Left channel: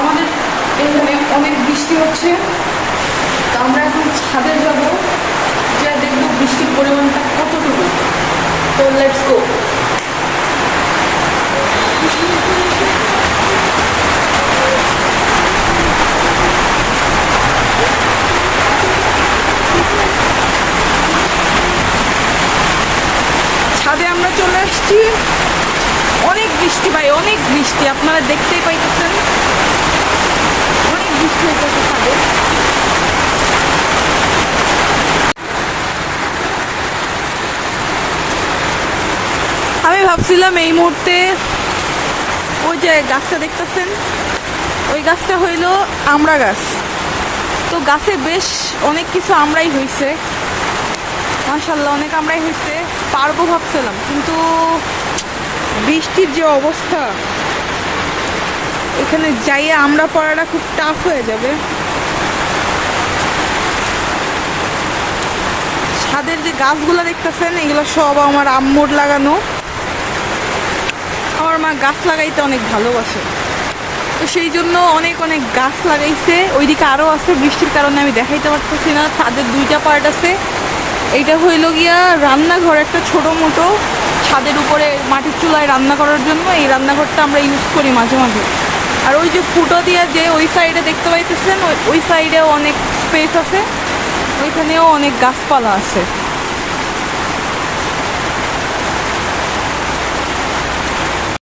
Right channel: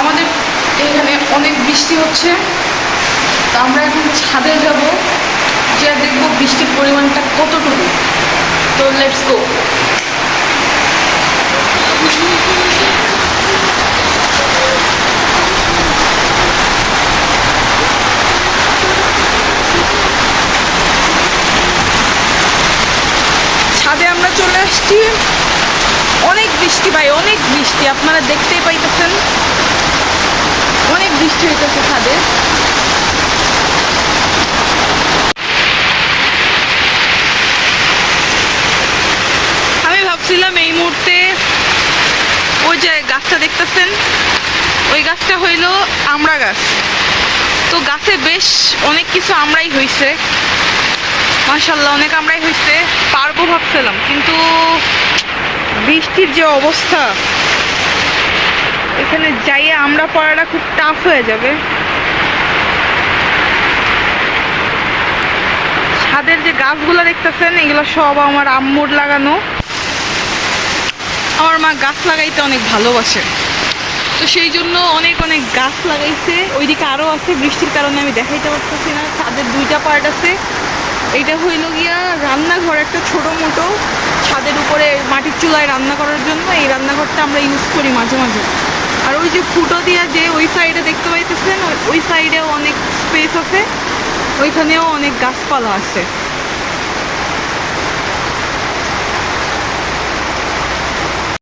আমাদের এখানে অনেক বৃষ্টি হচ্ছে, তো আমরা এখন ছাদে যাব, যা দেখবো বৃষ্টির পরিমাণটা কতটুকু। তো লেটস গো। ছাদে আমরা চলে আসছি। অনেক বৃষ্টি ভাই, অনেক বৃষ্টি, আপনারা দেখতেই পাইতেছেন অনেক বৃষ্টি হইতেছে ছাদে। আমি ভাবছিলাম এই মুহূর্তে ওই যে গাছটা দেখতেছেন, ওই গাছটা হইল আমড়া গাছ। তো গাছে বেশ অনেক কিছু আমরাই হয়েছে, মাশাআল্লাহ অনেক আমরাই হয়েছে, পারবো ভাবছিলাম, কিন্তু বৃষ্টির যে অবস্থা, এখানে যাইয়ে আমরা পড়াটা খুব টাফ হয়ে যাবে। ছাদের যে গাছগুলো দেখতেছেন, এগুলো সব আমার আম্মুর লাগানো। আমার মা গাছ লাগাইতে অনেক ভালোবাসে, তো সেই জন্য অনেক অনেক গাছ লাগাইছে। ওইদিকে আরও আছে, বৃষ্টির কারণে আমি দেখাইতে পারতেছি না। ছাদের দুইটা পার্ট আছে, এইটা হইল গিয়া রান্নাঘর, একটা ছোটো মোটো ছাদের উপরে মাটির চুলায় রান্না করার জন্য এই রান্নাঘরটা আমরা ইউজ করি মাঝে মাঝে। আর ওই যে ফুটো দিয়া যে ওই সাইডে দেখতে পাইতেছেন, ওই সাইডেও অনেক স্পেস আছে, ওইখানেও অনেক গাছপালা আছে।